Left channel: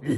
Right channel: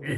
Hey?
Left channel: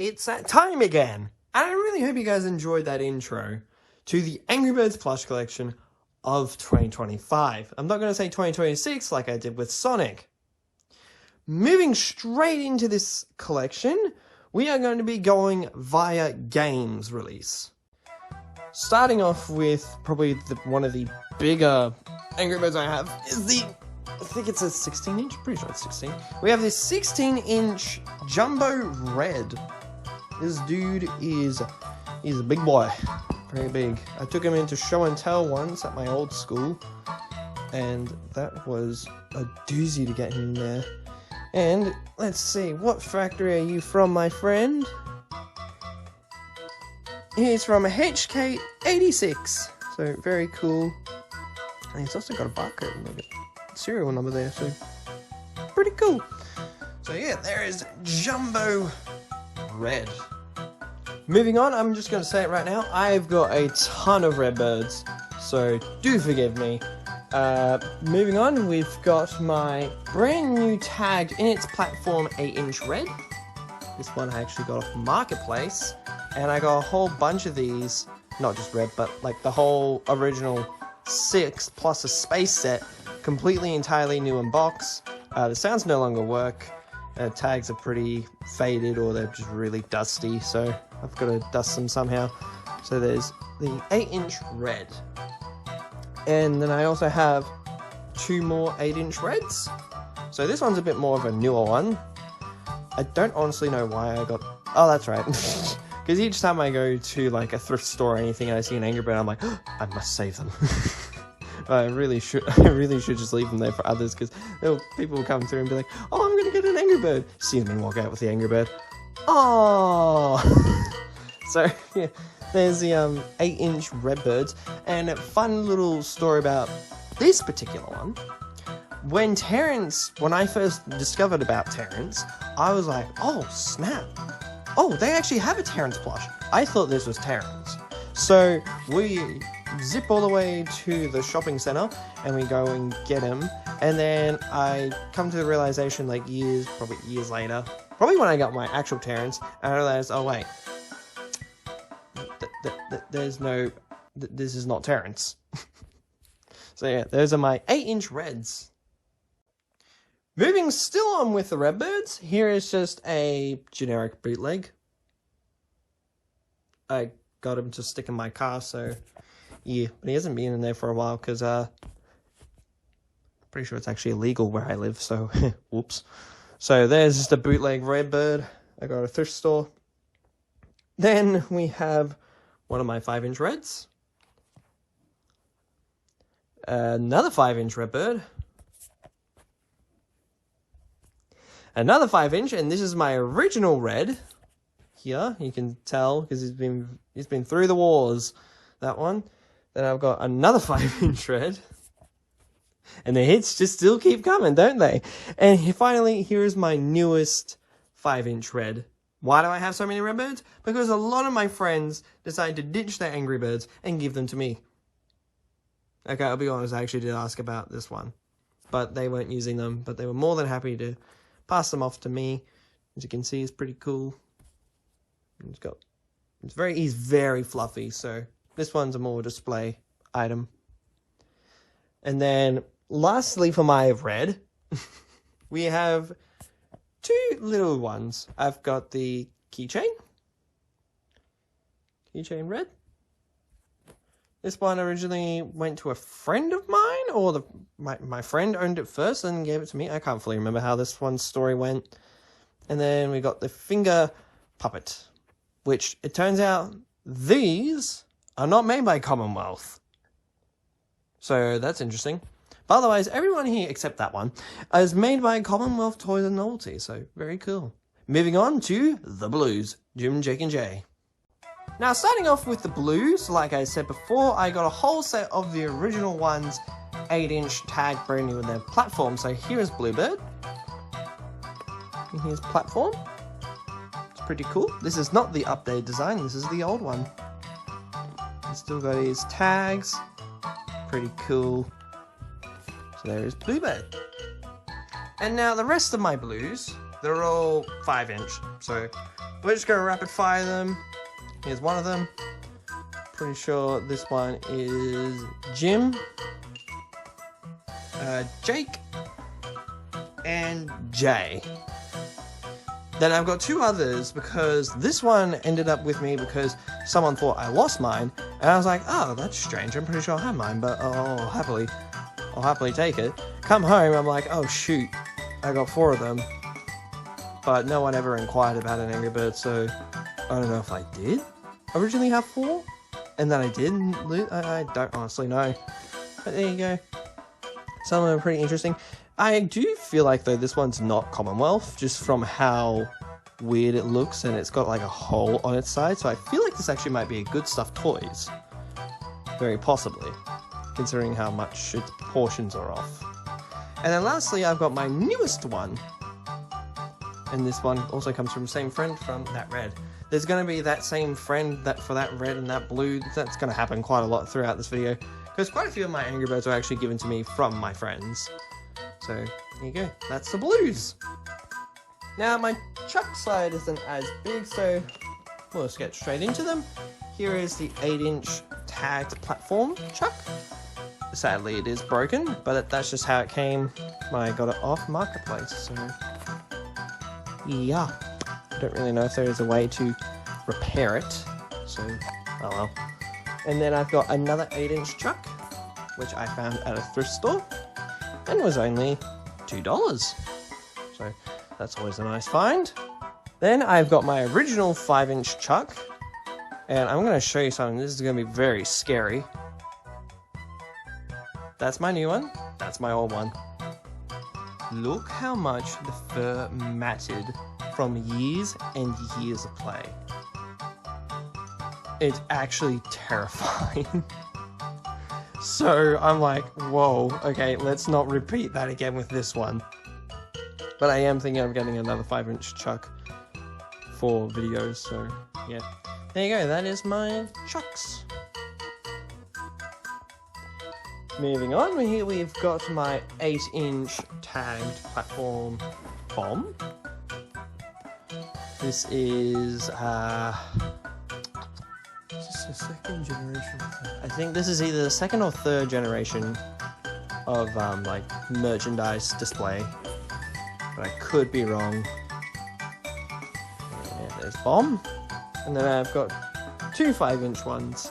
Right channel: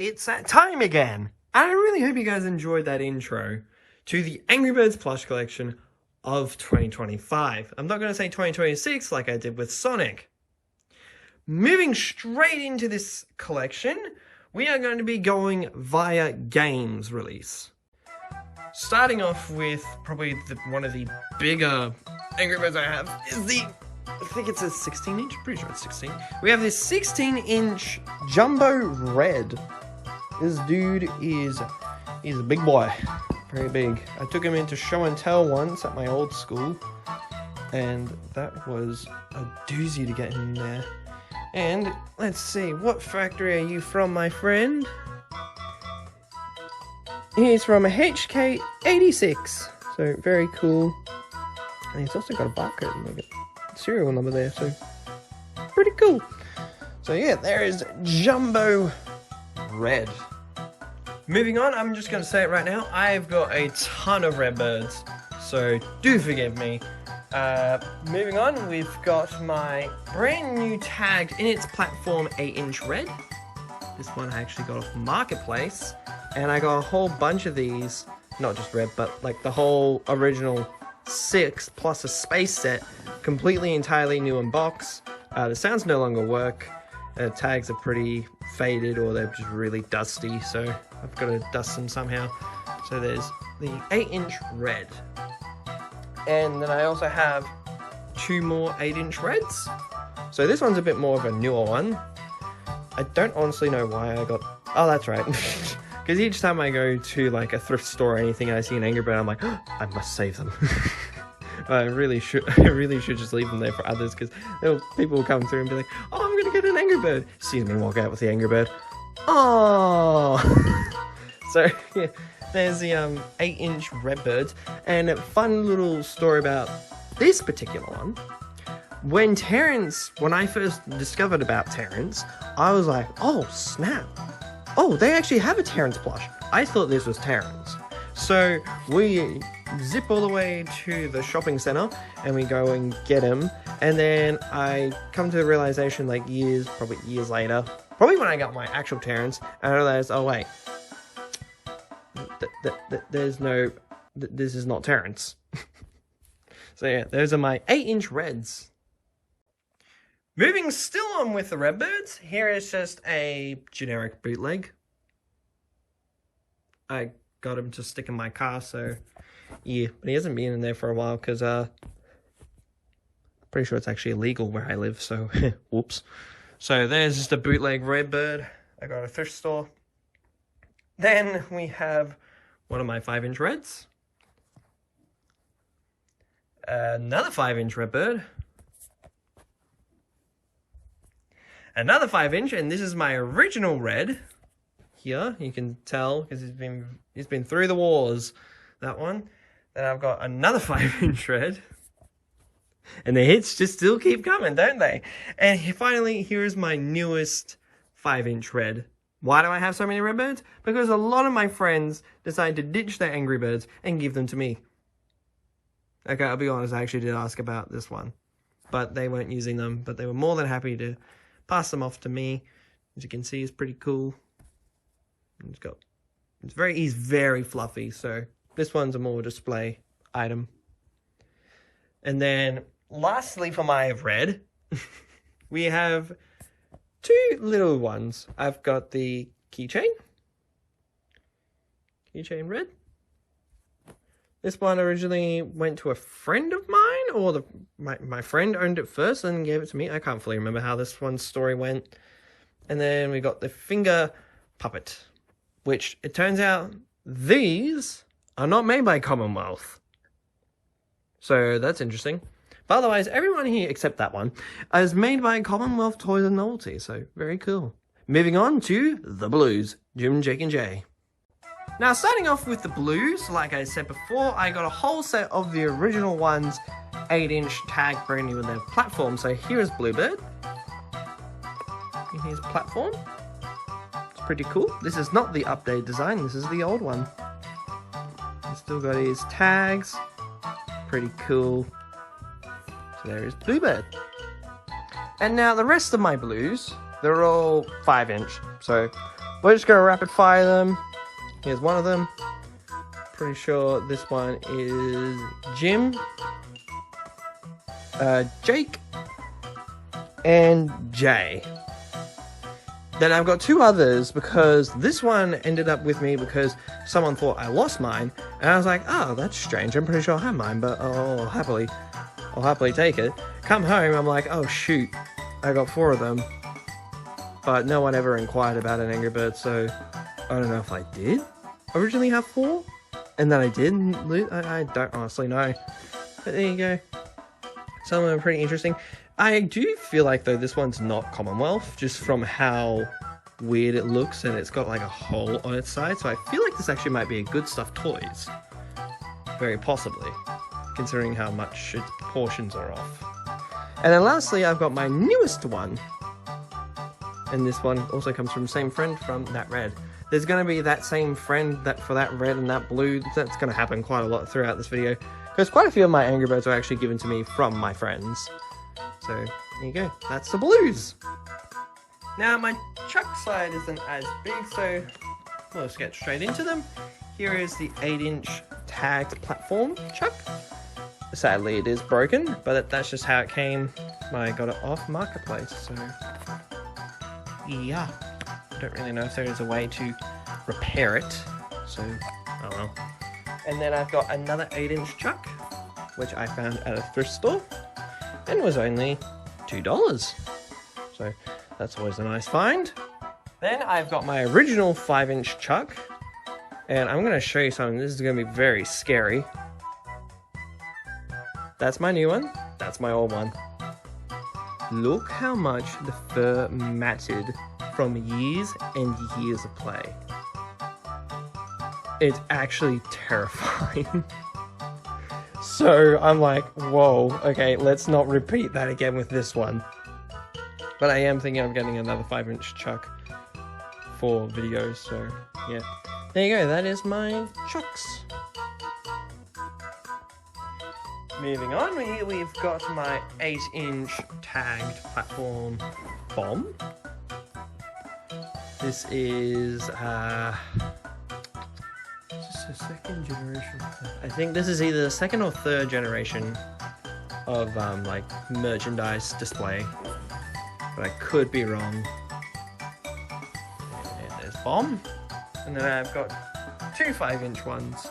It's that time again! I really hope you guys enjoyed that intro to the Angry Birds plush collection of 2025. I'm not going to say 2026 like I did with Sonic. Moving straight into this collection, we are going to be going via games release. Starting off with probably one of the bigger Angry Birds I have is I think it's a 16-inch, pretty sure it's 16. We have this 16-inch Jumbo Red. This dude he's a big boy, very big. I took him into show and tell once at my old school, and that was a doozy to get him there. And let's see, what factory are you from, my friend? He's from a HK86, so very cool. And he's also got a barcode and like a serial number there, so pretty cool. So yeah, there is Jumbo Red. Moving on, I'm just going to say it right now, I've got a ton of Redbirds, so do forgive me. Moving on, we've got my brand new tagged in its platform 8-inch Red. This one I actually got off Marketplace, and I got a whole bunch of these, not just Red, but like the whole original 6 plus a space set, completely entirely new in box. The sounds no longer work. Tags are pretty faded or they're just really dusty, so I've got to dust them somehow. So there's the 8-inch Red. And then I also have 2 more 8-inch Reds. So this one's a bit more of a newer one. I don't honestly know why I got... Oh, that's right. Because each time I go to like a thrift store or anything and I see an Angry Bird, I'm like, oh, I must save them. I really should just leave them there for others, because people will come through and be like, oh, I'm gonna get an Angry Bird. See me walk out with the Angry Bird. Oh. So yeah, there's the 8-inch Redbirds, and a fun little story about this particular one. When I first discovered about Terrence, I was like, oh snap, oh, they actually have a Terrence plush. I thought this was Terrence. So we zip all the way to the shopping center and we go and get him. And then I come to the realization like probably years later, probably when I got my actual Terrence, and I realized, oh wait, this is not Terrence. So yeah, those are my 8-inch Reds. Moving still on with the Redbirds, here is just a generic bootleg. I got him to stick in my car, so yeah, but he hasn't been in there for a while because pretty sure it's actually illegal where I live, so whoops. So there's just a bootleg Redbird I got at a thrift store. Then we have one of my 5-inch Reds, another 5-inch Redbird, another 5-inch, and this is my original Red. Here you can tell because he's been through the wars, that one. Then I've got another 5-inch Red, and the hits just still keep coming, don't they? And finally, here is my newest 5-inch Red. Why do I have so many Redbirds? Because a lot of my friends decide to ditch their Angry Birds and give them to me. Okay, I'll be honest, I actually did ask about this one, but they weren't using them, but they were more than happy to pass them off to me. As you can see, it's pretty cool. He's very fluffy, so this one's a more display item. And then lastly for my Red, we have 2 little ones. I've got the keychain Red. This one originally went to a friend of mine, or my friend owned it first and gave it to me. I can't fully remember how this one's story went. And then we got the finger puppet, which it turns out these are not made by Commonwealth. So that's interesting. But otherwise, everyone here except that one is made by Commonwealth Toys and Novelty, so very cool. Moving on to the blues, Jim, Jake and Jay. Now, starting off with the blues, like I said before, I got a whole set of the original ones, 8-inch tag brand new with their platform. So here's Bluebird. And here's Platform. It's pretty cool. This is not the updated design, this is the old one. He's still got his tags. Pretty cool. So there is Bluebird. And now the rest of my blues, they're all 5-inch. So we're just going to rapid fire them. Here's one of them. Pretty sure this one is Jim, Jake, and Jay. Then I've got 2 others because this one ended up with me because someone thought I lost mine. And I was like, oh, that's strange. I'm pretty sure I have mine, but I'll happily take it. Come home, I'm like, oh shoot, I got 4 of them. But no one ever inquired about an Angry Bird, so I don't know if I did originally have 4, and then I didn't. I don't honestly know. But there you go. Some of them are pretty interesting. I do feel like, though, this one's not Commonwealth, just from how weird it looks, and it's got like a hole on its side, so I feel like this actually might be a good stuffed toys. Very possibly, considering how much its proportions are off. And then lastly, I've got my newest one. And this one also comes from the same friend from that red. There's going to be that same friend for that red and that blue. That's going to happen quite a lot throughout this video, because quite a few of my Angry Birds are actually given to me from my friends. So there you go, that's the blues. Now my chuck side isn't as big, so we'll just get straight into them. Here is the 8-inch tagged platform chuck. Sadly it is broken, but that's just how it came when I got it off Marketplace, so yeah. I don't really know if there is a way to repair it, so oh well. And then I've got another 8-inch chuck, which I found at a thrift store, and was only $2. So that's always a nice find. Then I've got my original 5-inch chuck, and I'm going to show you something. This is going to be very scary. That's my new one. That's my old one. Look how much the fur matted from years and years of play. It's actually terrifying. So I'm like, whoa, okay, let's not repeat that again with this one. But I am thinking of getting another 5-inch chuck for videos, so yeah. There you go, that is my chucks. Moving on, here we've got my 8-inch tagged platform bomb. This is a second generation. I think this is either the 2nd or 3rd generation of like merchandise display, but I could be wrong. And there's bomb, and then I've got 2 5-inch ones.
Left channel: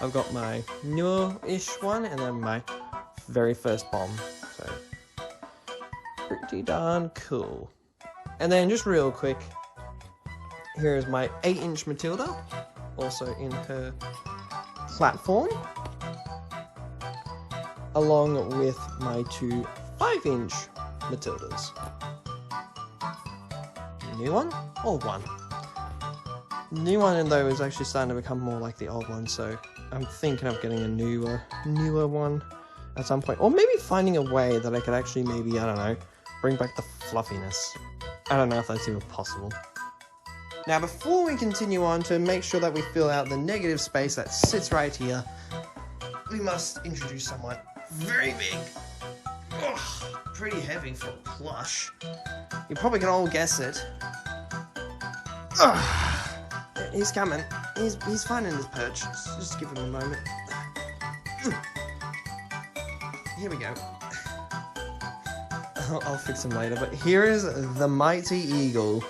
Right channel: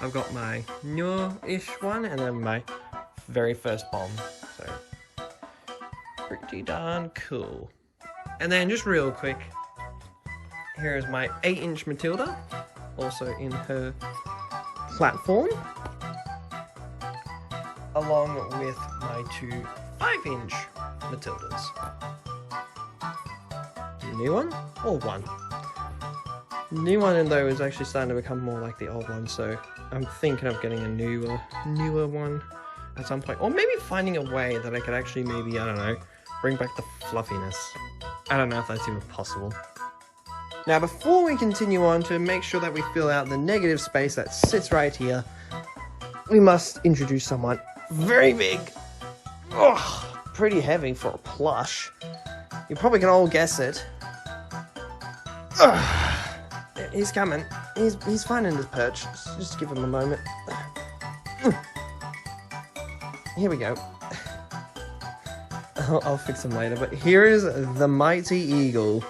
I've got my newer-ish one, and then my very first bomb. So pretty darn cool. And then just real quick, here is my 8-inch Matilda, also in her platform, along with my 2 5-inch Matildas. New one? Old one. New one, though, is actually starting to become more like the old one, so I'm thinking of getting a newer one at some point. Or maybe finding a way that I could actually maybe, I don't know, bring back the fluffiness. I don't know if that's even possible. Now, before we continue on, to make sure that we fill out the negative space that sits right here, we must introduce someone very big. Ugh, pretty heavy for a plush. You probably can all guess it. Ugh. He's coming. He's finding his perch. Just give him a moment. Here we go. I'll fix him later, but here is the Mighty Eagle.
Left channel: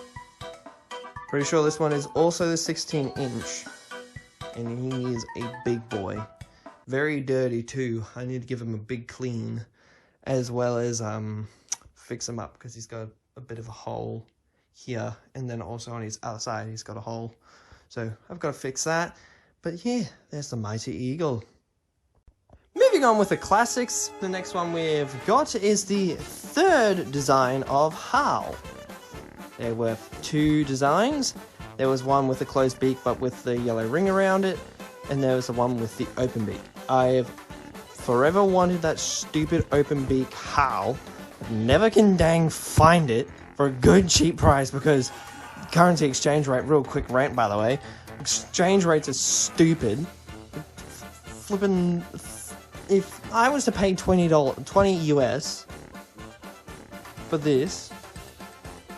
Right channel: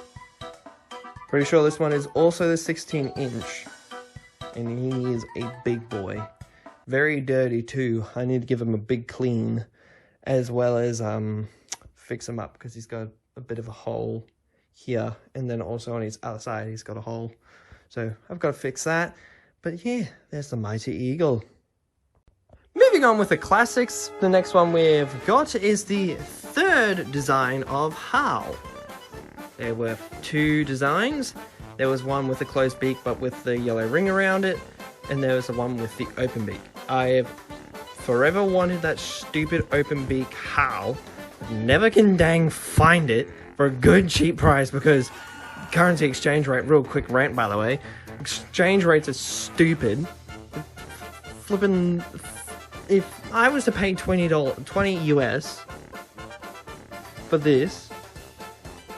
Pretty sure this one is also the 16-inch, and he is a big boy. Very dirty too. I need to give him a big clean, as well as fix him up, because he's got a bit of a hole here, and then also on his other side he's got a hole. So I've got to fix that. But yeah, there's the Mighty Eagle. Moving moving on with the classics, the next one we've got is the third design of Hal. There were two designs. There was one with the closed beak but with the yellow ring around it, and there was the one with the open beak. I've forever wanted that stupid open beak Hal, but never can dang find it for a good cheap price because currency exchange rate, real quick rant by the way, exchange rates are stupid. Flipping, if I was to pay $20 US for this,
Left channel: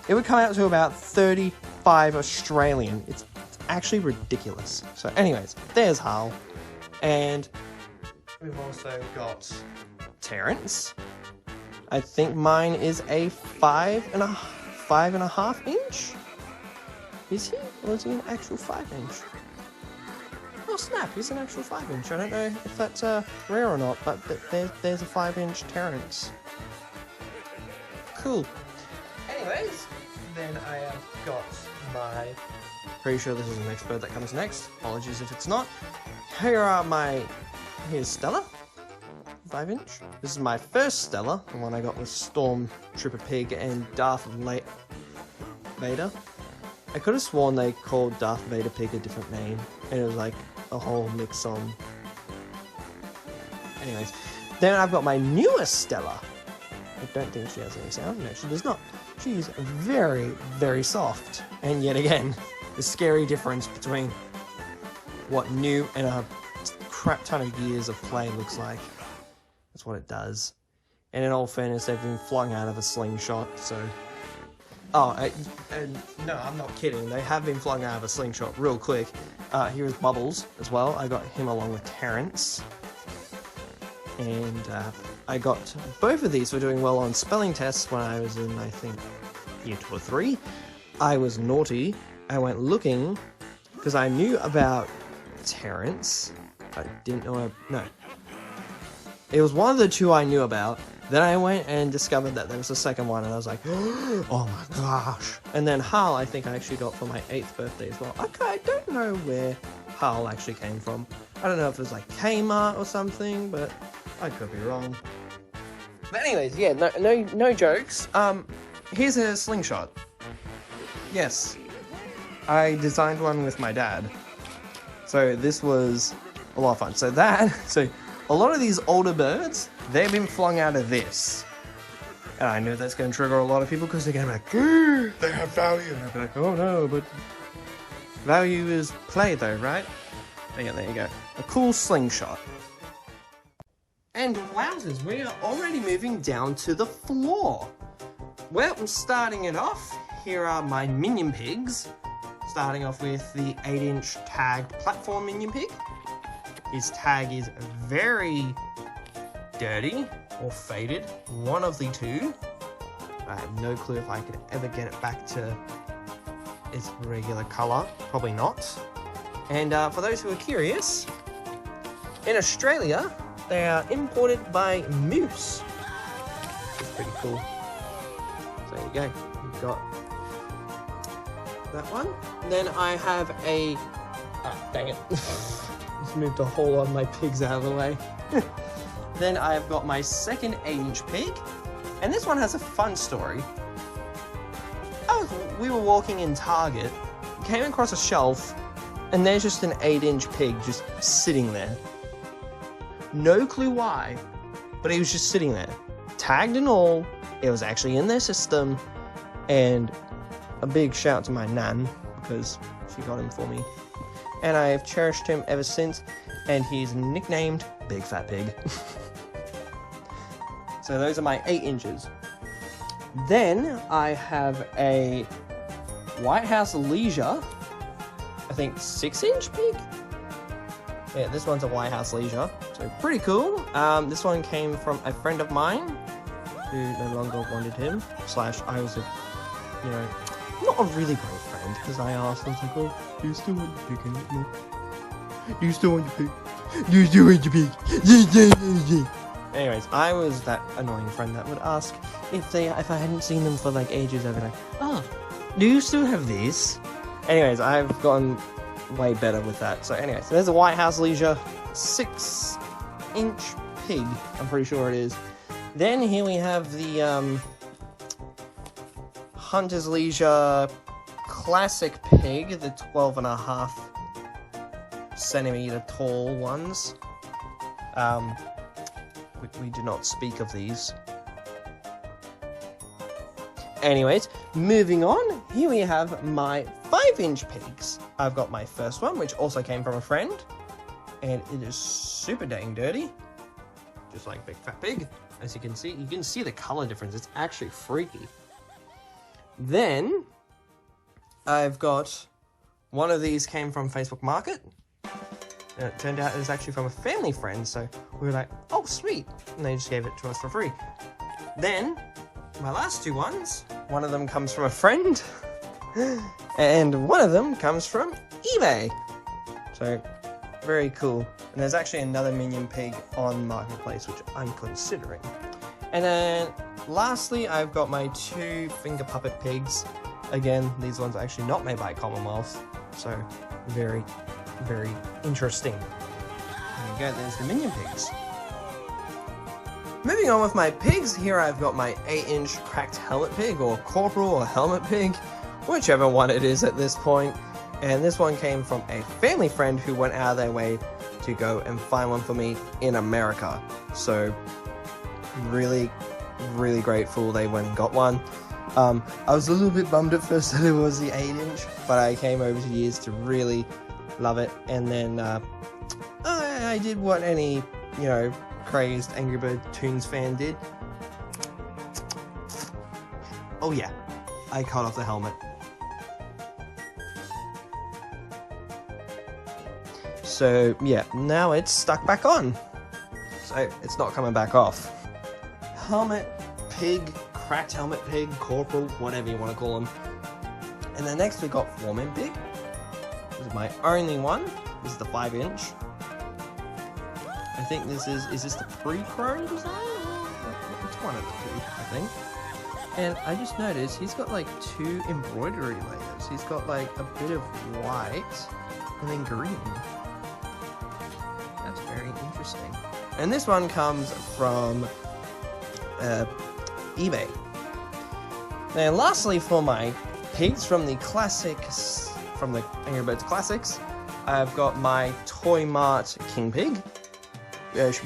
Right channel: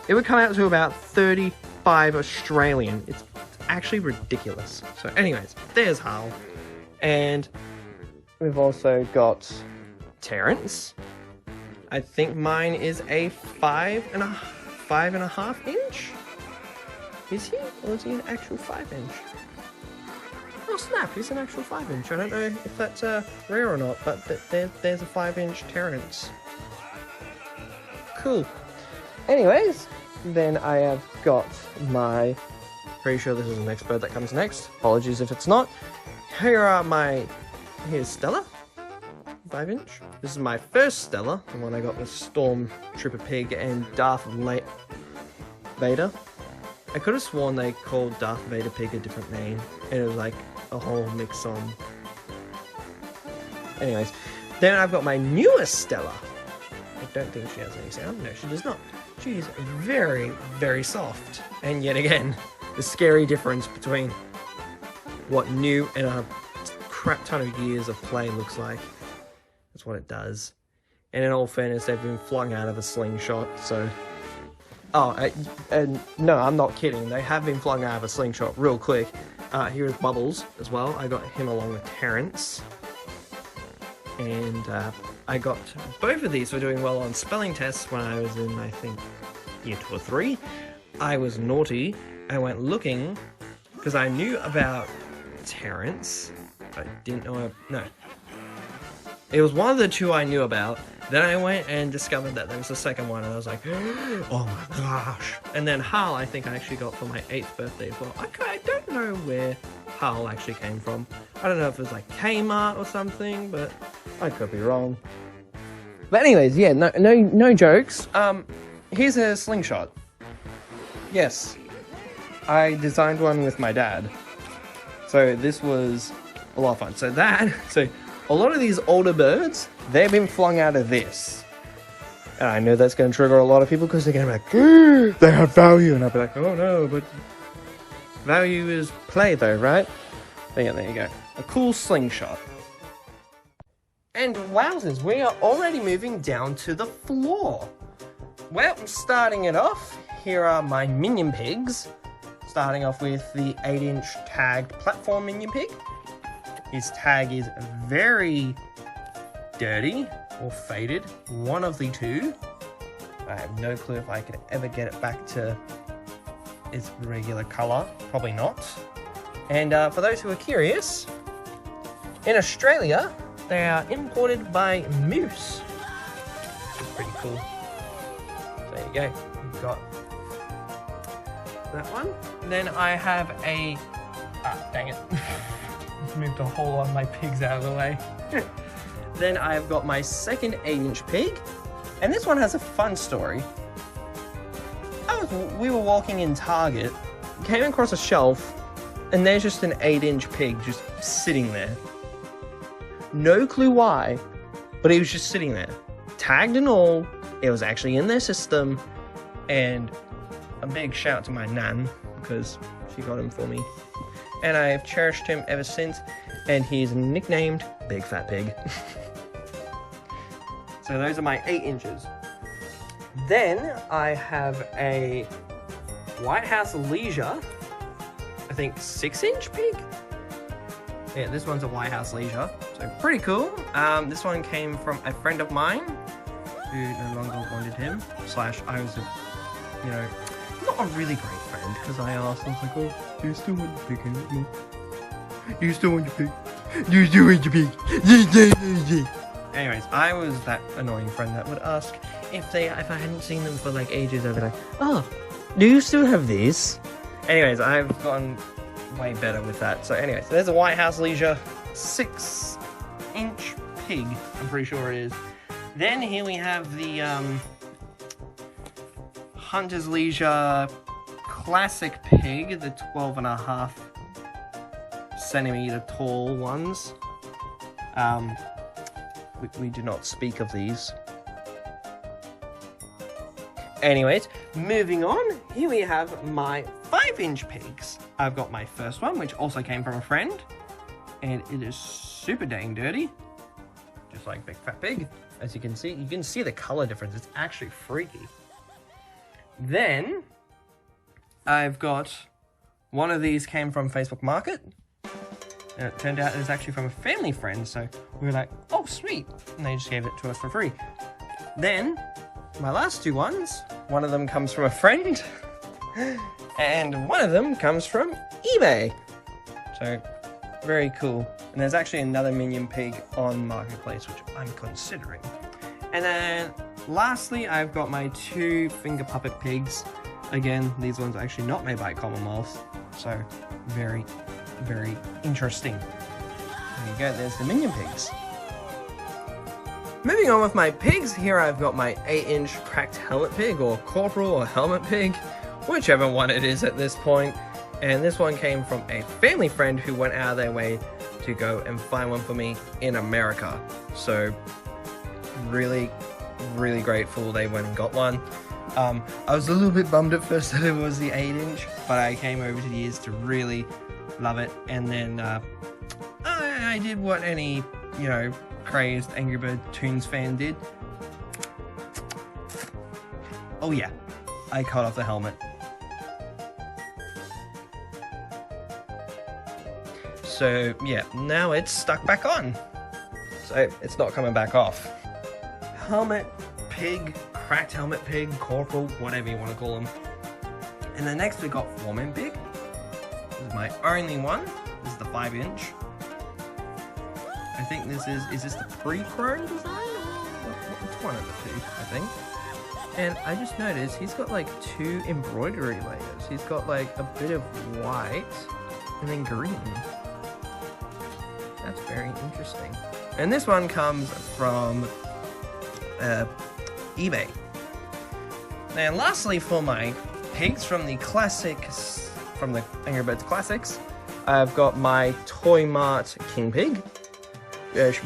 it would come out to about 35 Australian. It's actually ridiculous. So anyways, there's Hal. And we've also got Terrence. I think mine is a 5.5 inch. Is he? Or is he an actual 5 inch? Oh snap, he's an actual 5 inch. I don't know if that's rare or not, but there's a 5 inch Terrence. Cool. Anyways, then I have got my... Pretty sure this is the next bird that comes next. Apologies if it's not. Here's Stella. 5 inch. This is my first Stella, the one I got with Stormtrooper Pig and Darth Vader. I could have sworn they called Darth Vader Pig a different name, and it was like a whole mix on. Anyways, then I've got my newest Stella. I don't think she has any sound. No, she does not. She's very, very soft. And yet again, the scary difference between what new and a crap ton of years of play looks like. That's what it does. And in all fairness, they've been flung out of a slingshot, so... Oh, and no, I'm not kidding. They have been flung out of a slingshot real quick. Here's Bubbles as well. I got him along with Terrence. And I got both of these for doing well on spelling tests when I was in, I think, year 2 or 3. I was naughty. I went looking because I knew about Terrence. I didn't know... No. It was one of the two I knew about. Then I went and discovered that there was a second one, and I was like, oh my gosh. And then Hal, I think I actually got for my 8th birthday as well. I don't know where Hal actually came from. I don't know if it was like Kmart or something, but I could be wrong. But anyways, yeah, no jokes. Here's a slingshot. Yes, I designed one with my dad. So this was a lot of fun. So a lot of these older birds, they've been flung out of this. And I know that's going to trigger a lot of people because they're going to be like, they have value. And I'll be like, oh no, but value is play though, right? But yeah, there you go. A cool slingshot. And wowzers, we are already moving down to the floor. Well, starting it off, here are my minion pigs. Starting off with the 8-inch tagged platform minion pig. His tag is very dirty or faded, one of the two. I have no clue if I could ever get it back to its regular color, probably not. And for those who are curious, in Australia, they are imported by Moose. It's pretty cool. So there you go, you've got that one. And then I have a, dang it. Just moved a whole lot of my pigs out of the way. Then I've got my second 8-inch pig, and this one has a fun story. We were walking in Target, came across a shelf, and there's just an 8-inch pig just sitting there. No clue why, but he was just sitting there. Tagged and all, it was actually in their system, and a big shout to my nan, because she got him for me. And I've cherished him ever since, and he's nicknamed Big Fat Pig. So those are my 8 inches. Then I have a White House Leisure, I think 6-inch pig? Yeah, this one's a White House Leisure, so pretty cool. This one came from a friend of mine, who no longer wanted him, / I was not a really great friend, because I asked him, like, oh, do you still want your pig anymore? Do you still want your pig? Do you still want your pig? Yeah. Anyways, I was that annoying friend that would ask if I hadn't seen them for like ages. I'd be like, oh, do you still have these? Anyways, I've gotten way better with that. So anyways, there's a White House Leisure 6-inch pig, I'm pretty sure it is. Then here we have the Hunter's Leisure classic pig, the 12.5 centimeter tall ones. We do not speak of these. Anyways, moving on, here we have my 5-inch pigs. I've got my first one, which also came from a friend, and it is super dang dirty, just like Big Fat Pig. As you can see the color difference. It's actually freaky. Then I've got one of these came from Facebook Market, and it turned out it was actually from a family friend, so we were like, oh sweet, and they just gave it to us for free. Then my last two ones, one of them comes from a friend and one of them comes from eBay. So very cool. And there's actually another minion pig on Marketplace, which I'm considering. And then lastly, I've got my 2 finger puppet pigs. Again, these ones are actually not made by Commonwealth, so very, very interesting. There you go, there's the minion pigs. Moving on with my pigs, here I've got my 8-inch cracked helmet pig, or corporal or helmet pig, whichever one it is at this point. And this one came from a family friend who went out of their way to go and find one for me in America. So really, really grateful they went and got one. I was a little bit bummed at first that it was the 8-inch, but I came over the years to really love it. And then I did what any, you know, crazed Angry Bird Toons fan did. Oh yeah, I cut off the helmet. So yeah, now it's stuck back on. So it's not coming back off. Helmet, pig, cracked helmet pig, corporal, whatever you want to call them. And then next we got Foreman pig. This is my only one. This is the 5-inch. I think this is this the pre-chrome design? It's one of the two, I think. And I just noticed he's got like 2 embroidery layers. He's got like a bit of white and then green. That's very interesting. And this one comes from eBay. And lastly, for my pigs from the classics, from the Angry Birds Classics, I've got my Toy Mart King Pig.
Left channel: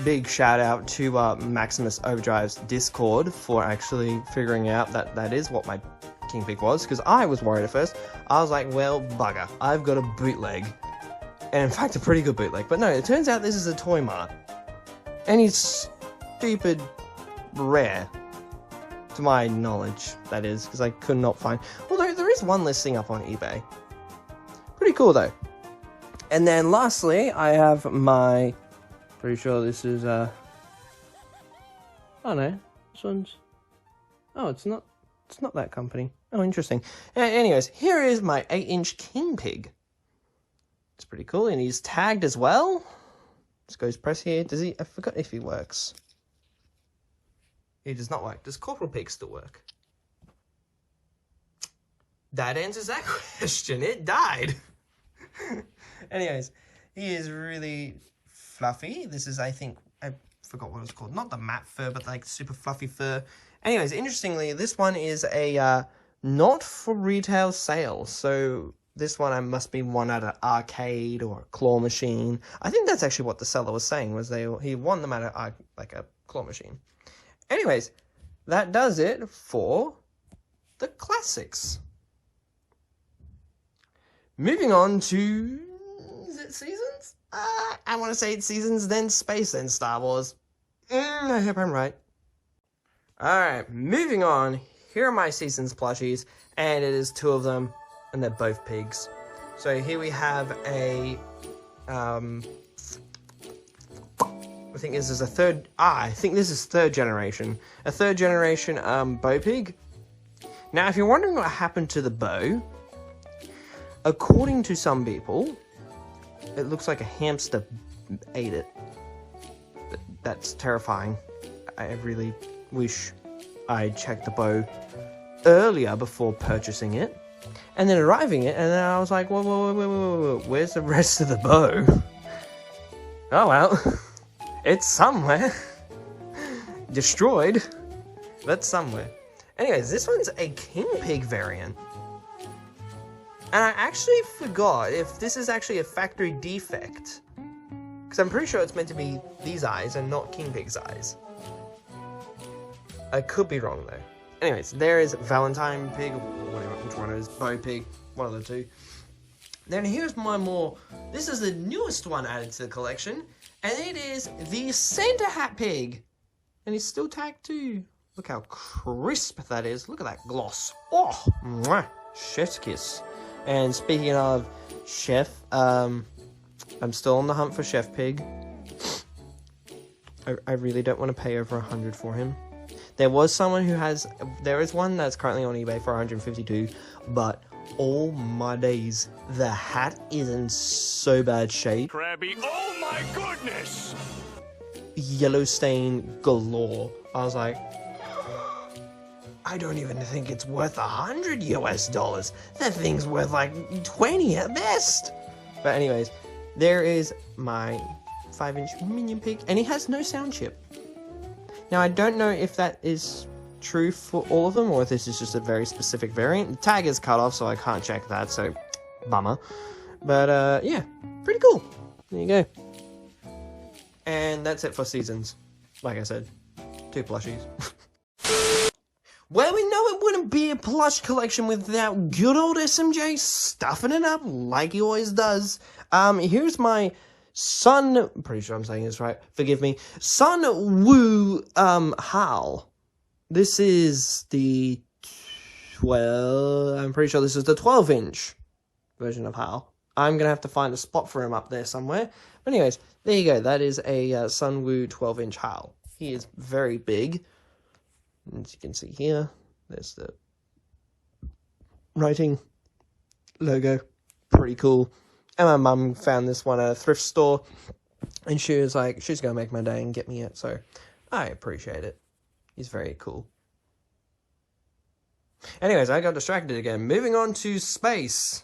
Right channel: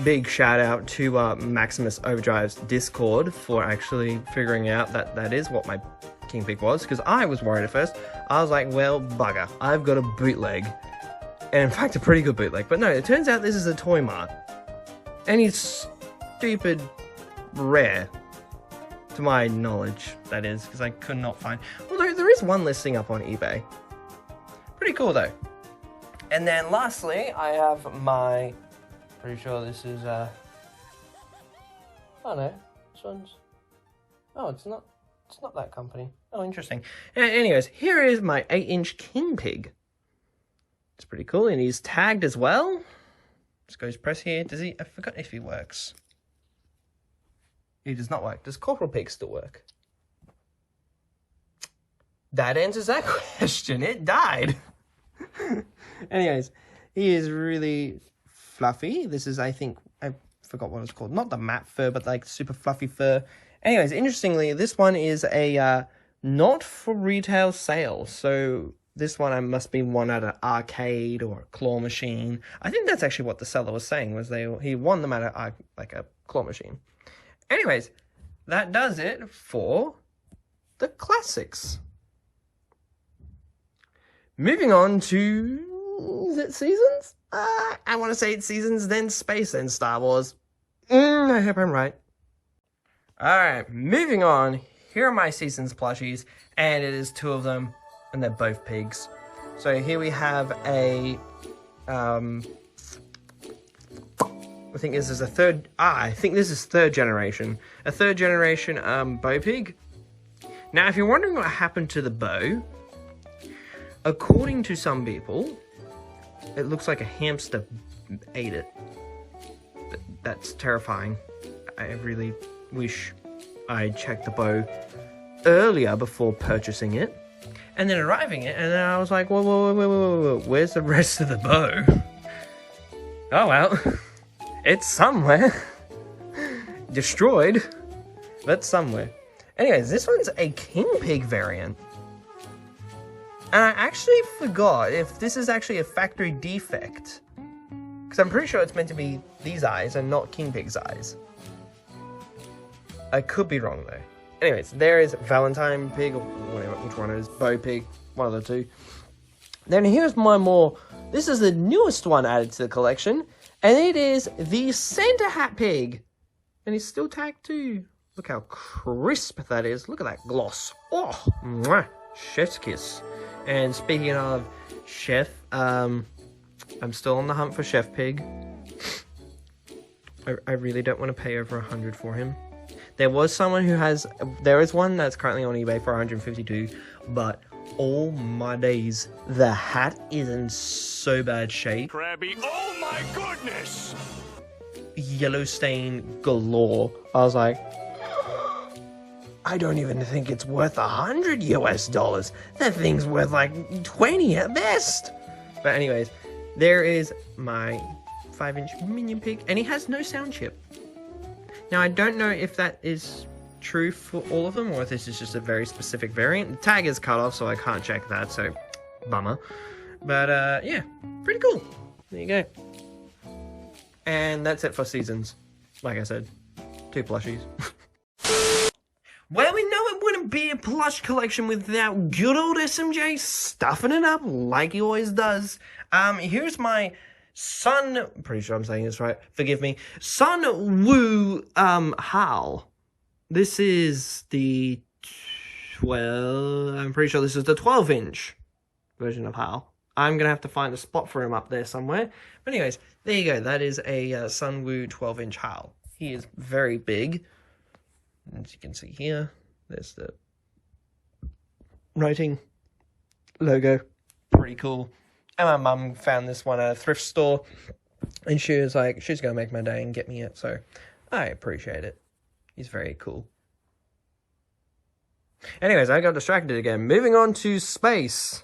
Big shout out to Maximus Overdrive's Discord for actually figuring out that that is what my King Pig was, because I was worried at first. I was like, well, bugger, I've got a bootleg. And in fact, a pretty good bootleg. But no, it turns out this is a Toy Mart. And he's stupid rare. To my knowledge, that is, because I could not find... Although, there is one listing up on eBay. Pretty cool, though. And then, lastly, I have my... Pretty sure this is, Oh, no. This one's... Oh, it's not that company. Oh, interesting. Anyways, here is my 8-inch King Pig. It's pretty cool, and he's tagged as well. Let's go press here. Does he... I forgot if he works. He does not work. Does Corporal Pig still work? That answers that question. It died. Anyways, he is really fluffy. This is, I think, I forgot what it's called. Not the matte fur, but like super fluffy fur. Anyways, interestingly, this one is a not for retail sale. So this one must be one at an arcade or a claw machine. I think that's actually what the seller was saying, was he won them at a claw machine. Anyways, that does it for the classics. Moving on to... Is it seasons? I want to say it's seasons, then space, then Star Wars. I hope I'm right. Alright, moving on. Here are my seasons plushies, and it is 2 of them, and they're both pigs. So here we have a... I think this is a third... I think this is 3rd generation. A 3rd generation bow pig. Now, if you're wondering what happened to the bow, according to some people, it looks like a hamster ate it. That's terrifying. I really wish I checked the bow earlier before purchasing it. And then arriving it, and then I was like, whoa, where's the rest of the bow? Oh well. It's somewhere. destroyed, but somewhere. Anyways, this one's a King Pig variant. And I actually forgot if this is actually a factory defect. Because I'm pretty sure it's meant to be these eyes and not King Pig's eyes. I could be wrong though. Anyways, there is Valentine Pig, or whatever, which one it is, Bo Pig, one of the two. Then here's my this is the newest one added to the collection, and it is the Santa Hat Pig. And it's still tagged too. Look how crisp that is. Look at that gloss. Oh, mwah, chef's kiss. And speaking of chef, I'm still on the hunt for Chef Pig. I really don't want to pay over 100 for him. There was someone who there is one that's currently on eBay for 152, but oh my days, the hat is in so bad shape. Krabby, oh my goodness! Yellow stain galore. I was like, I don't even think it's worth $100 US. That thing's worth like 20 at best. But anyways, there is my 5-inch minion pig, and he has no sound chip. Now I don't know if that is true for all of them, or if this is just a very specific variant. The tag is cut off, so I can't check that, so bummer. But yeah, pretty cool. There you go. And that's it for seasons. Like I said, 2 plushies. Well, we know it wouldn't be a plush collection without good old SMJ stuffing it up like he always does. Here's my Sun, pretty sure I'm saying this right, forgive me, Sun Woo Hal. This is the I'm pretty sure this is the 12-inch version of Hal. I'm gonna have to find a spot for him up there somewhere. But anyways, there you go. That is a Sun Woo 12-inch Hal. He is very big. As you can see here, there's the writing logo. Pretty cool. And my mum found this one at a thrift store, and she was like, she's going to make my day and get me it. So I appreciate it. He's very cool. Anyways, I got distracted again. Moving on to space.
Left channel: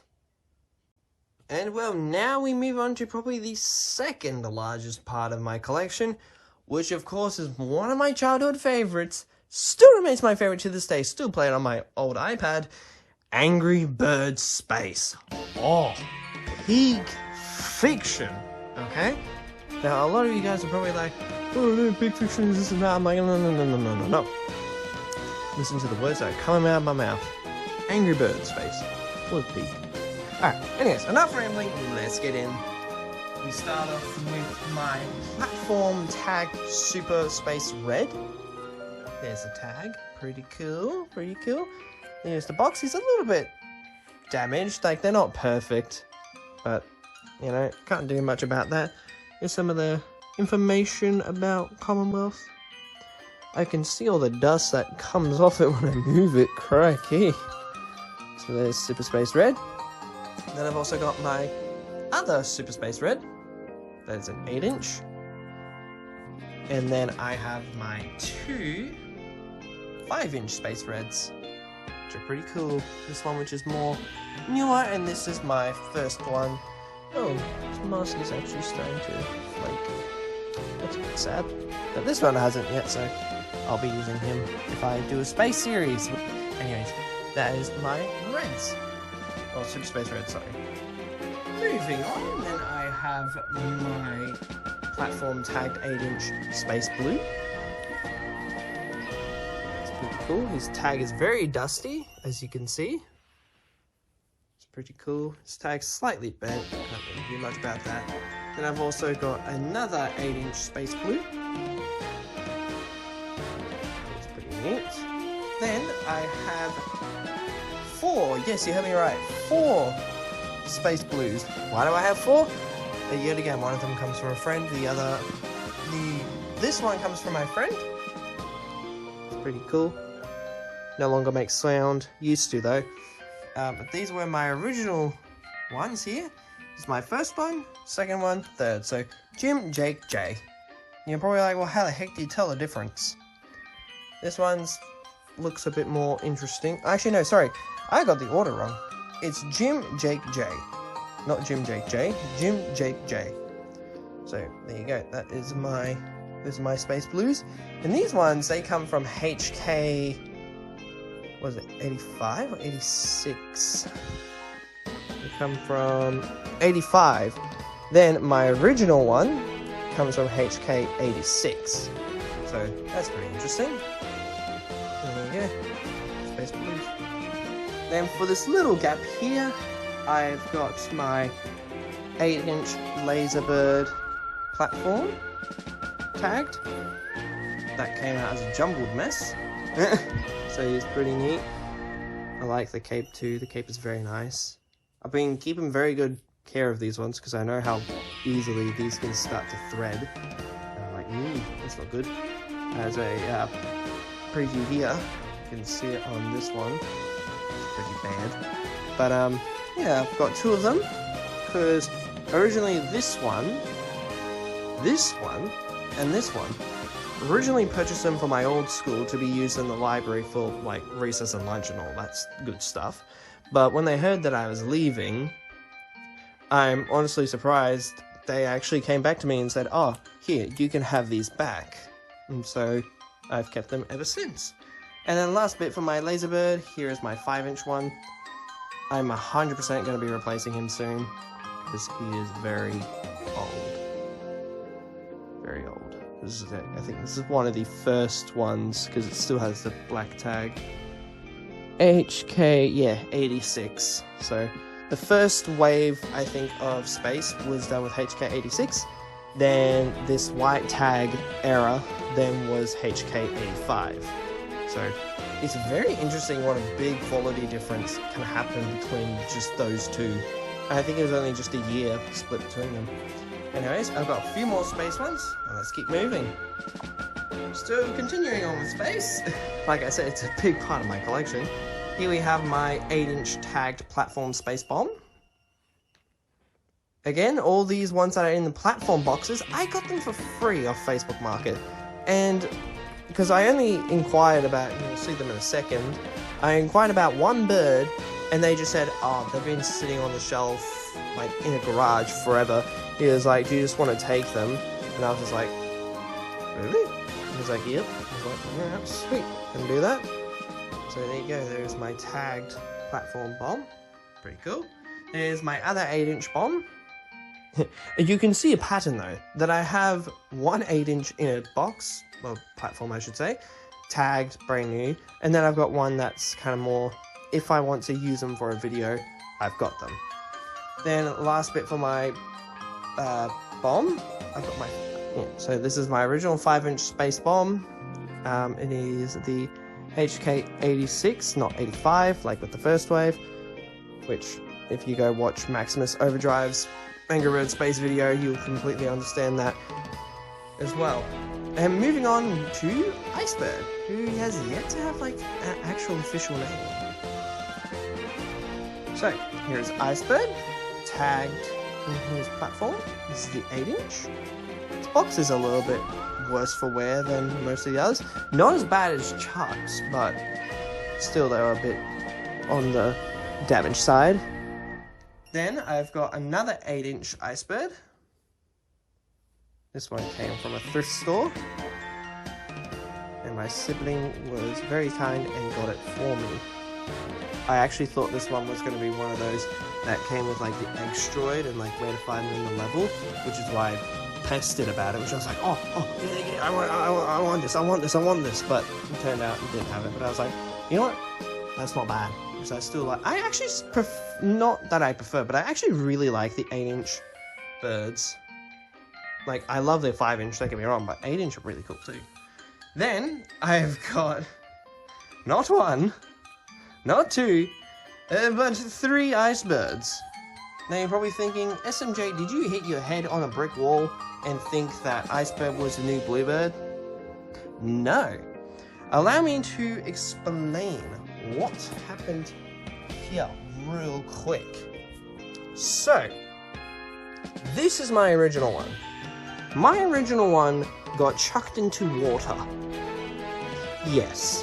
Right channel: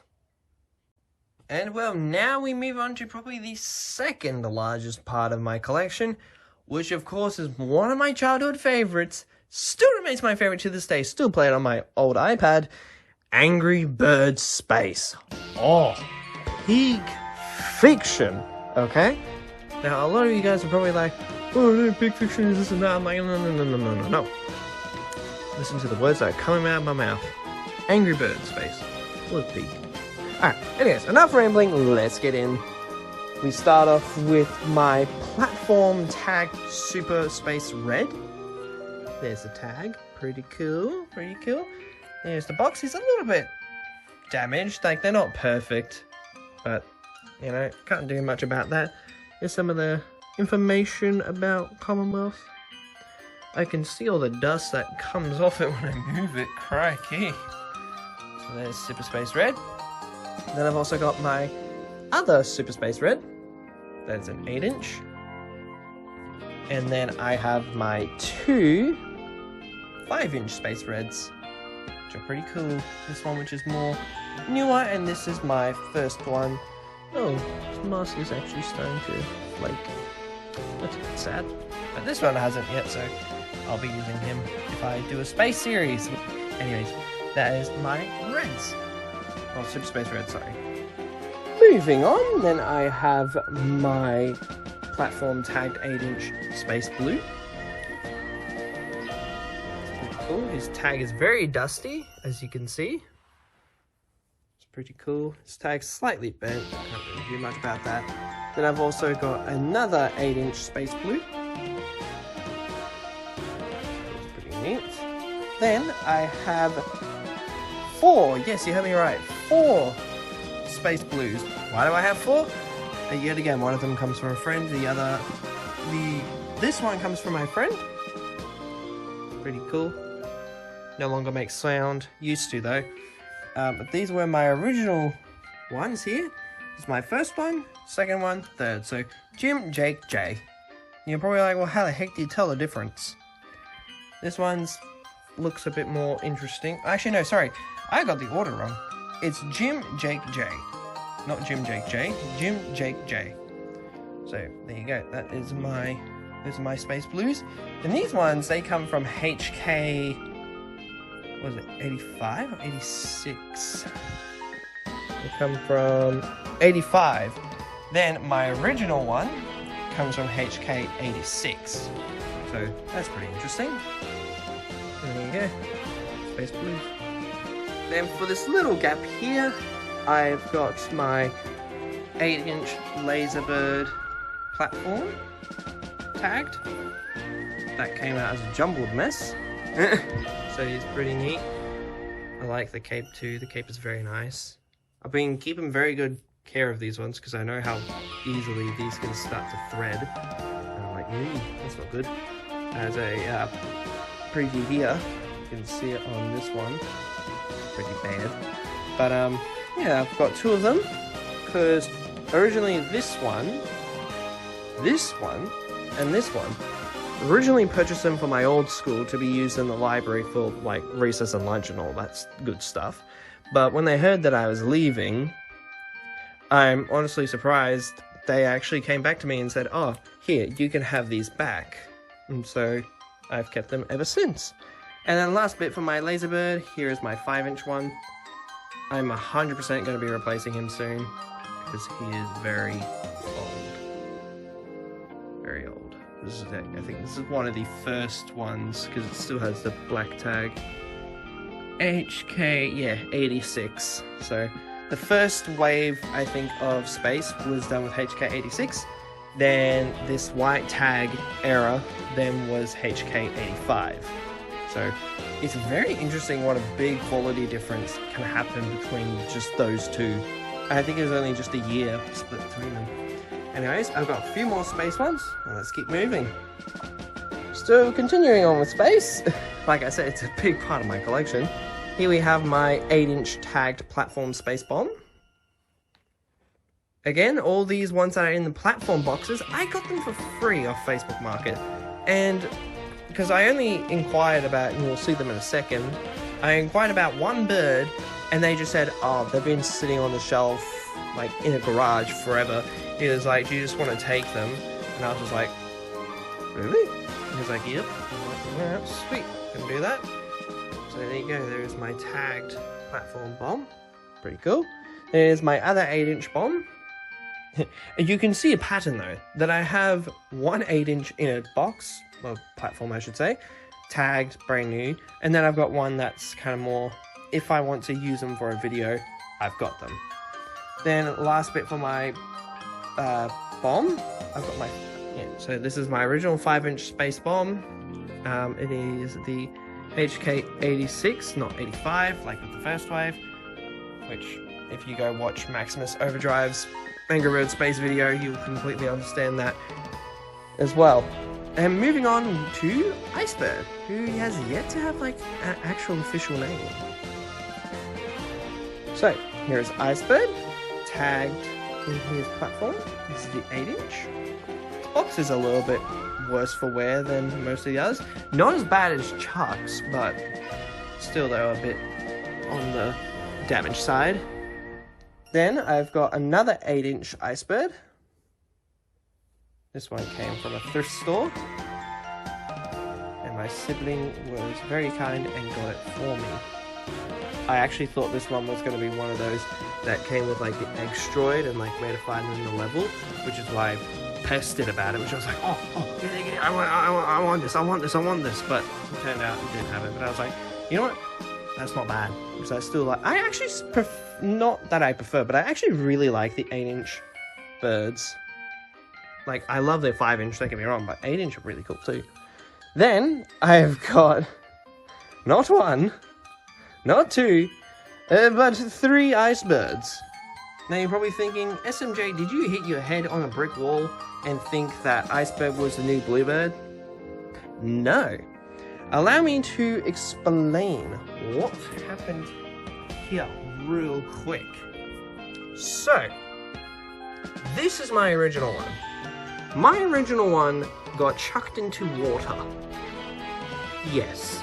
And well, now we move on to probably the second largest part of my collection, which of course is one of my childhood favorites. Still remains my favorite to this day. Still play it on my old iPad. Angry Birds Space. Oh, Pig Fiction. Okay? Now, a lot of you guys are probably like, oh no, Pig Fiction is this and that. I'm like, no. Listen to the words that are coming out of my mouth. Angry Birds Space. With pig. Alright, anyways, enough rambling. Let's get in. We start off with my platform tag Super Space Red. There's the tag. Pretty cool. Pretty cool. There's the box. He's a little bit damaged. Like, they're not perfect. But, you know, can't do much about that. Here's some of the information about Commonwealth. I can see all the dust that comes off it when I move it. Crikey. So there's Super Space Red. Then I've also got my other Super Space Red. That's an 8-inch. And then I have my 2 5-inch Space Reds, which are pretty cool. This one, which is more newer, and this is my first one. Oh, this mask is actually starting to flake. That's a bit sad. But this one hasn't yet, so I'll be using him if I do a space series. Anyways, that is my Reds. Oh, Super Space Red, sorry. Moving on, then I have my platform tagged 8-inch Space Blue. It's pretty cool. His tag is very dusty, as you can see. It's pretty cool. His tag's slightly bent. Can't really do much about that. Then I've also got another 8-inch Space Blue. That's pretty neat. Then I have 4. Yes, you heard me right. 4 Space Blues. Why do I have 4? Yet again, one of them comes from a friend, this one comes from my friend. Pretty cool. No longer makes sound, used to though. But these were my original ones here. This is my first one, second one, third. So Jim, Jake, Jay. And you're probably like, well, how the heck do you tell the difference? This one's looks a bit more interesting. Actually, no, sorry. I got the order wrong. It's Jim, Jake, Jay. Not Jim, Jake, Jay. Jim, Jake, Jay. So, there you go. That is my Those are my Space Blues. And these ones, they come from HK, what was it, 85 or 86? They come from 85. Then my original one comes from HK 86. So that's pretty interesting. And there you go, Space Blues. Then for this little gap here, I've got my 8-inch Laserbird platform tagged. That came out as a jumbled mess. So it's pretty neat. I like the cape too. The cape is very nice. I've been keeping very good care of these ones because I know how easily these can start to thread. And I'm like, that's not good. As a preview here, you can see it on this one. Pretty bad. But yeah, I've got 2 of them because originally this one, and this one, originally purchased them for my old school to be used in the library for like recess and lunch and all that good stuff. But when they heard that I was leaving, I'm honestly surprised they actually came back to me and said, oh, here, you can have these back. And so I've kept them ever since. And then last bit for my Laserbird, here is my 5-inch one. I'm 100% going to be replacing him soon because he is very old. Very old. This is it. I think this is one of the first ones because it still has the black tag. HK, yeah, 86. So the first wave, I think, of Space was done with HK 86. Then this white tag era then was HK 85. So it's very interesting what a big quality difference can happen between just those two. I think it was only just a year split between them. Anyways, I've got a few more Space ones. Now let's keep moving. Still continuing on with Space. Like I said, it's a big part of my collection. Here we have my 8-inch tagged platform Space Bomb. Again, all these ones that are in the platform boxes, I got them for free off Facebook Market. And because I only inquired about, and you'll see them in a second, I inquired about one bird, and they just said, oh, they've been sitting on the shelf, like, in a garage forever. He was like, do you just want to take them? And I was just like, really? He was like, yep. I was like, yeah, sweet, can do that. So there you go, there's my tagged platform bomb. Pretty cool. There's my other 8-inch bomb. You can see a pattern though, that I have one 8-inch in a box, or platform I should say, tagged, brand new, and then I've got one that's kind of more, if I want to use them for a video, I've got them. Then last bit for my bomb, I've got my, so this is my original 5-inch Space Bomb. It is the HK 86, not 85, like with the first wave, which if you go watch Maximus Overdrive's Angry Bird Space video, you'll completely understand that as well. And moving on to Icebird, who has yet to have like an actual official name. So here's Icebird, tagged in his platform. This is the 8-inch. This box is a little bit worse for wear than most of the others. Not as bad as Chuck's, but still they were a bit on the damaged side. Then I've got another 8-inch Icebird. This one came from a thrift store. And my sibling was very kind and got it for me. I actually thought this one was going to be one of those that came with like the Eggstroid and like where to find them in the level, which is why I pestered about it, which I was like, oh, yeah, I want this, but it turned out it didn't have it. But I was like, you know what? That's not bad. Because I still like, I actually not that I prefer, but I actually really like the 8-inch birds. Like, I love their 5-inch, don't get me wrong, but 8-inch are really cool too. Then I've got not one, not two, but 3 Icebirds. Now you're probably thinking, SMJ, did you hit your head on a brick wall and think that Icebird was the new Bluebird? No. Allow me to explain what happened here real quick. So, this is my original one. My original one got chucked into water. Yes.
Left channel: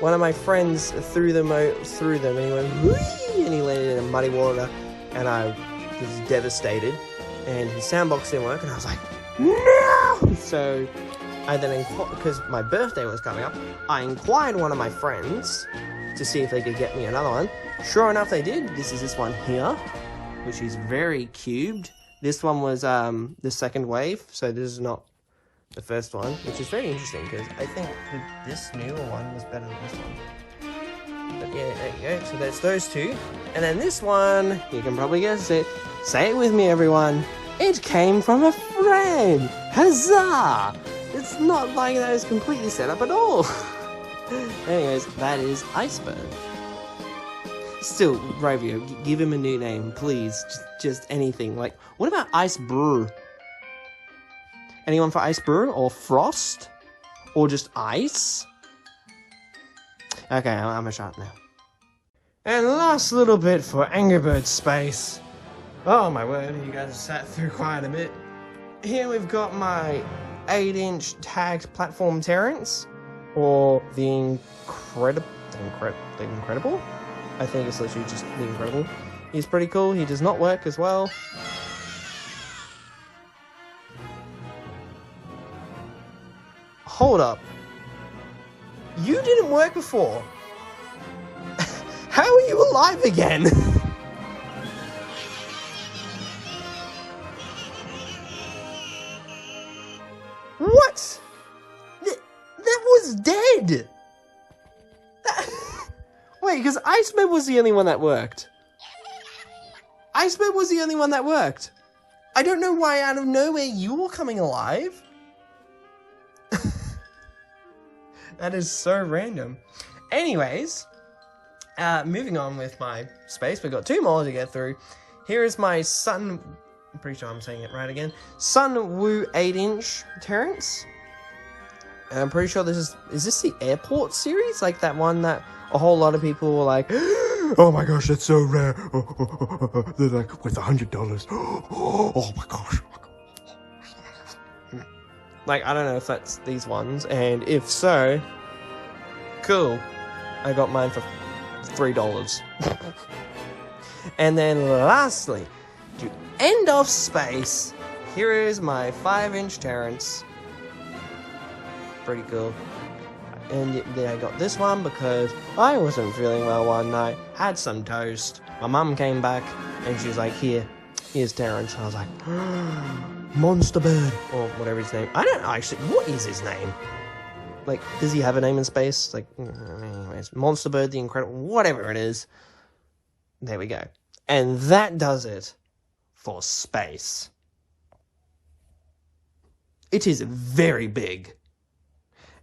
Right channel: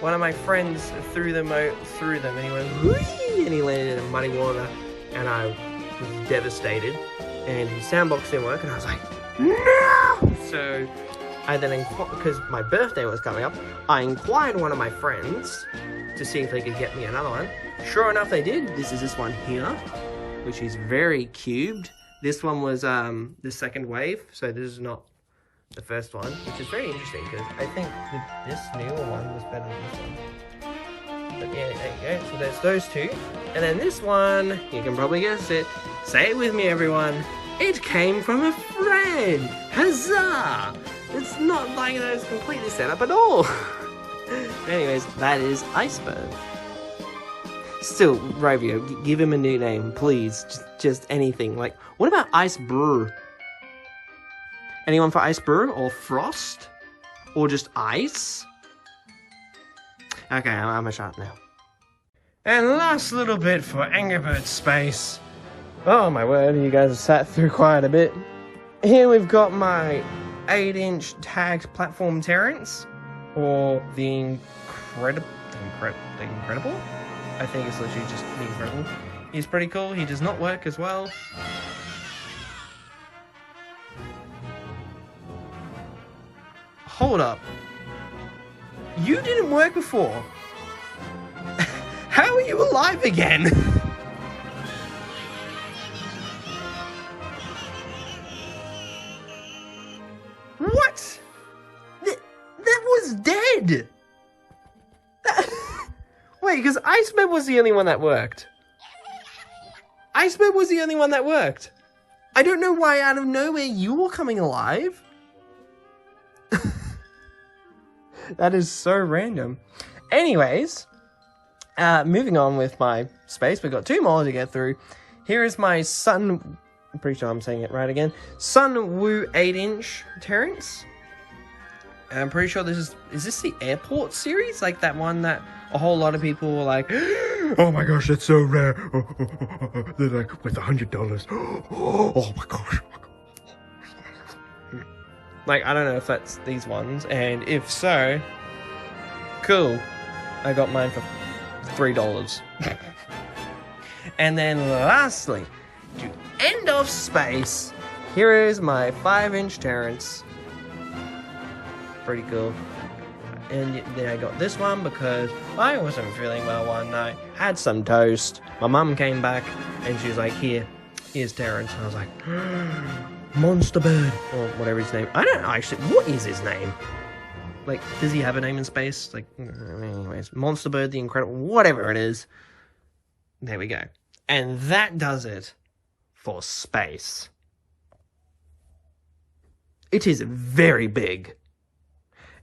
One of my friends threw them and he went, whee, and he landed in muddy water, and I was devastated. And his soundbox didn't work, and I was like, no! So I then because my birthday was coming up, I inquired one of my friends to see if they could get me another one. Sure enough, they did. This is this one here, which is very cubed. This one was the second wave, so this is not the first one, which is very interesting because I think this newer one was better than this one. But yeah, so there's those two. And then this one, you can probably guess it. Say it with me, everyone. It came from a friend. Huzzah! It's not like that was completely set up at all. Anyways, that is Iceberg. Still, Rovio, give him a new name, please. Just anything. Like, what about Ice Brew? Anyone for Ice Brew? Or Frost? Or just Ice? Okay, I'm a shut now. And last little bit for Angry Birds Space. Oh my word, you guys have sat through quite a bit. Here we've got my 8-inch tagged platform Terrence, or the Incredible? I think it's literally just the Incredible. He's pretty cool, he does not work as well. Hold up. You didn't work before. How are you alive again? What? That was dead. Wait, because Iceberg was the only one that worked. Iceberg was the only one that worked. I don't know why out of nowhere you were coming alive. That is so random. Anyways, moving on with my space. We've got two more to get through. Here is my I'm pretty sure I'm saying it right again. Sun Woo 8-inch Terrence. And I'm pretty sure is this the airport series? Like that one that a whole lot of people were like, oh my gosh, that's so rare. They're like, worth $100. Oh my gosh. Like, I don't know if that's these ones, and if so, cool. I got mine for $3. And then lastly, to end off space, here is my 5-inch Terrence. Pretty cool. And then I got this one because I wasn't feeling well one night, had some toast. My mum came back, and she was like, here's Terrence. And I was like, Monster Bird, or whatever his name. I don't know, actually, what is his name? Like, does he have a name in space? Like, anyways, Monster Bird, the Incredible, whatever it is. There we go. And that does it for space. It is very big.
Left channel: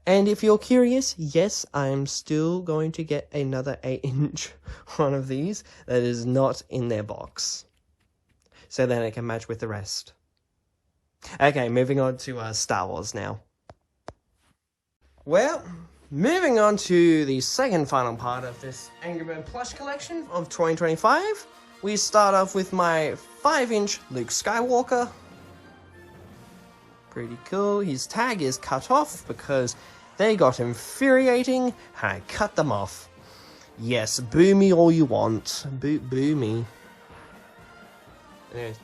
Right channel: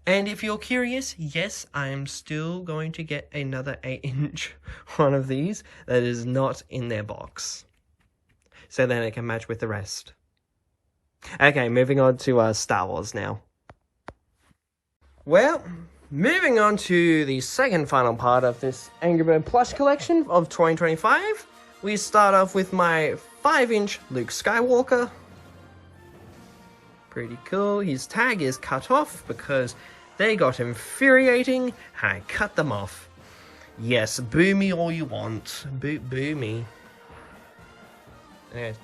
And if you're curious, yes, I'm still going to get another 8-inch one of these that is not in their box. So then it can match with the rest. Okay, moving on to Star Wars now. Well, moving on to the second final part of this Angry Bird plush collection of 2025. We start off with my 5-inch Luke Skywalker. Pretty cool. His tag is cut off because they got infuriating and I cut them off. Yes, boo me all you want. Boo me. There's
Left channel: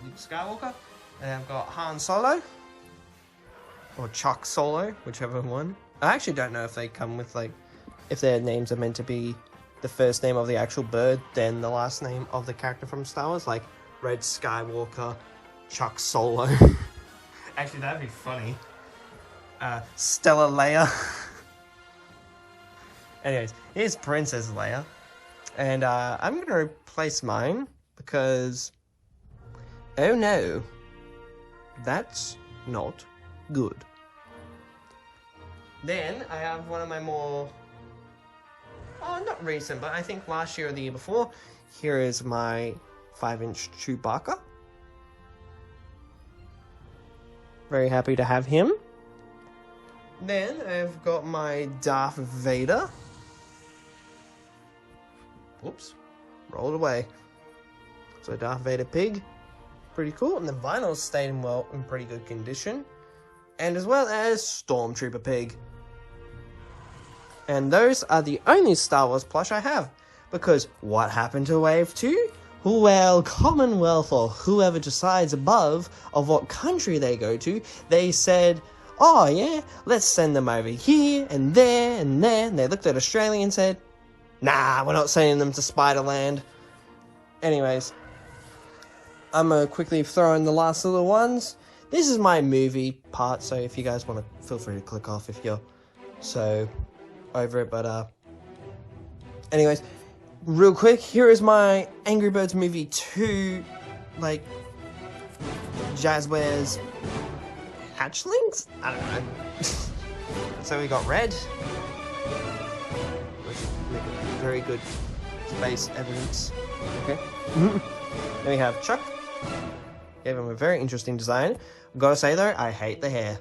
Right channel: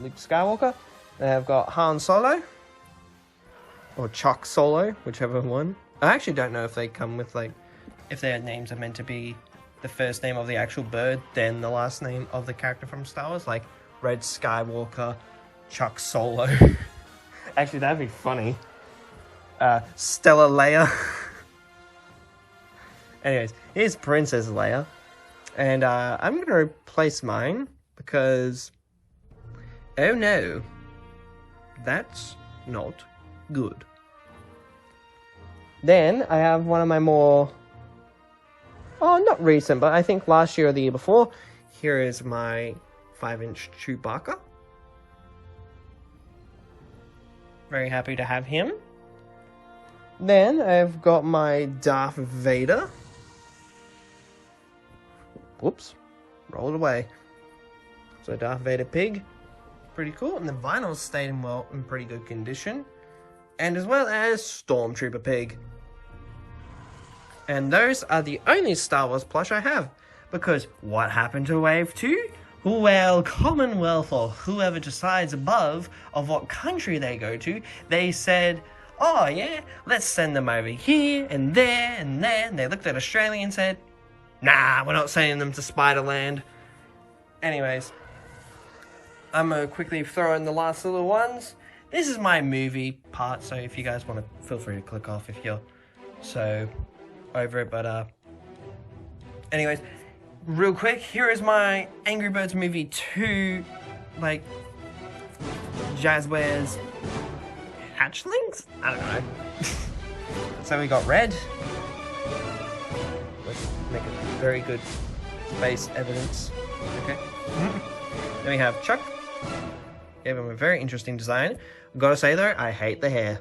Luke Skywalker. Then I've got Han Solo. Or Chuck Solo, whichever one. I actually don't know if they come with, like, if their names are meant to be the first name of the actual bird, then the last name of the character from Star Wars, like Red Skywalker, Chuck Solo. Actually, that'd be funny. Stella Leia. Anyways, here's Princess Leia. And I'm going to replace mine because, oh no, that's not good. Then I have one of my more, not recent, but I think last year or the year before. Here is my 5-inch Chewbacca. Very happy to have him. Then I've got my Darth Vader. Whoops, rolled away. So Darth Vader pig, pretty cool. And the vinyls stayed in pretty good condition. And as well as Stormtrooper pig. And those are the only Star Wars plush I have. Because what happened to Wave 2? Well, Commonwealth or whoever decides above of what country they go to, they said, oh yeah, let's send them over here and there and there. And they looked at Australia and said, nah, we're not sending them to Spiderland. Anyways, I'm going to quickly throw in the last little ones. This is my movie part, so if you guys want to, feel free to click off if you're so over it. But anyways, real quick, here is my Angry Birds movie 2, like, Jazzwares hatchlings? I don't know. So we got Red. Let's make a very good space evidence. Okay. Then we have Chuck. Gave him a very interesting design. I've got to say though, I hate the hair.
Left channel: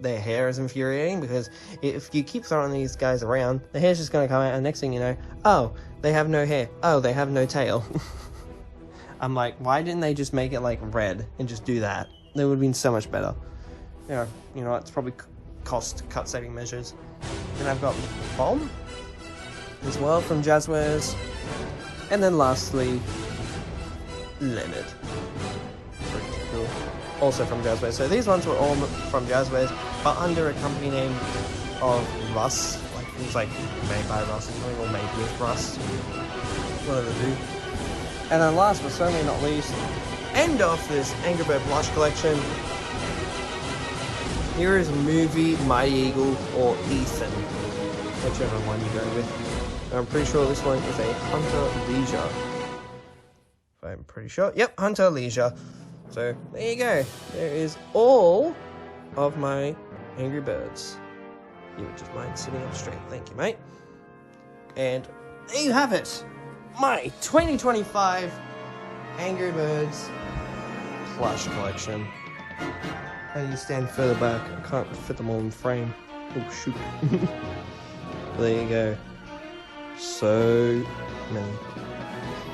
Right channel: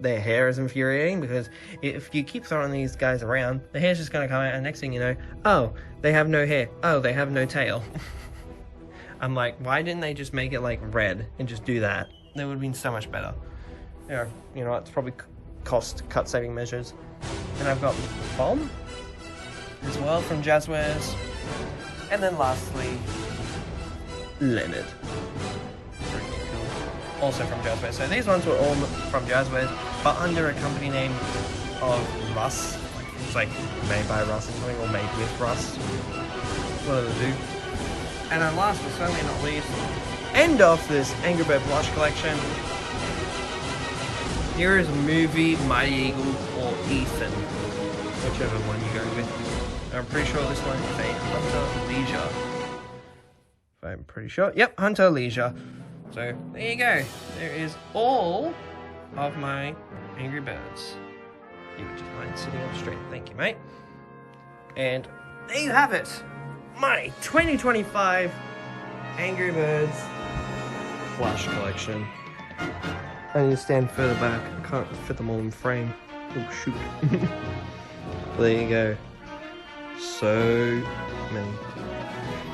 Their hair is infuriating because if you keep throwing these guys around, the hair's just going to come out and next thing you know, oh, they have no hair. Oh, they have no tail. I'm like, why didn't they just make it like red and just do that? That would have been so much better. You know, it's probably cut saving measures. And I've got Bomb as well from Jazzwares. And then lastly, Leonard. Also from Jazzwares. So these ones were all from Jazzwares, but under a company name of Russ. It's like made by Russ or something, or made with Russ. One of the two. And then last but certainly not least, end off this Angry Bird Plush collection. Here is Movie, Mighty Eagle, or Ethan. Whichever one you go with. I'm pretty sure this one is a Hunter Leisure. I'm pretty sure. Yep, Hunter Leisure. So, there you go. There is all of my Angry Birds. You would just mind sitting up straight. Thank you, mate. And there you have it. My 2025 Angry Birds Plush collection. I need to stand further back. I can't fit them all in frame. Oh, shoot. There you go. So many.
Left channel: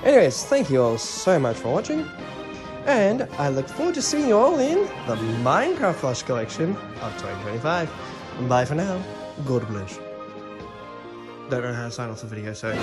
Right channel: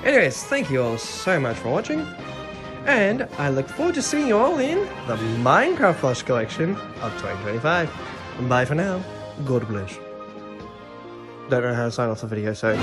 Anyways, thank you all so much for watching. And I look forward to seeing you all in the Minecraft Plush collection of 2025. Bye for now. God bless. Don't know how to sign off the video, so...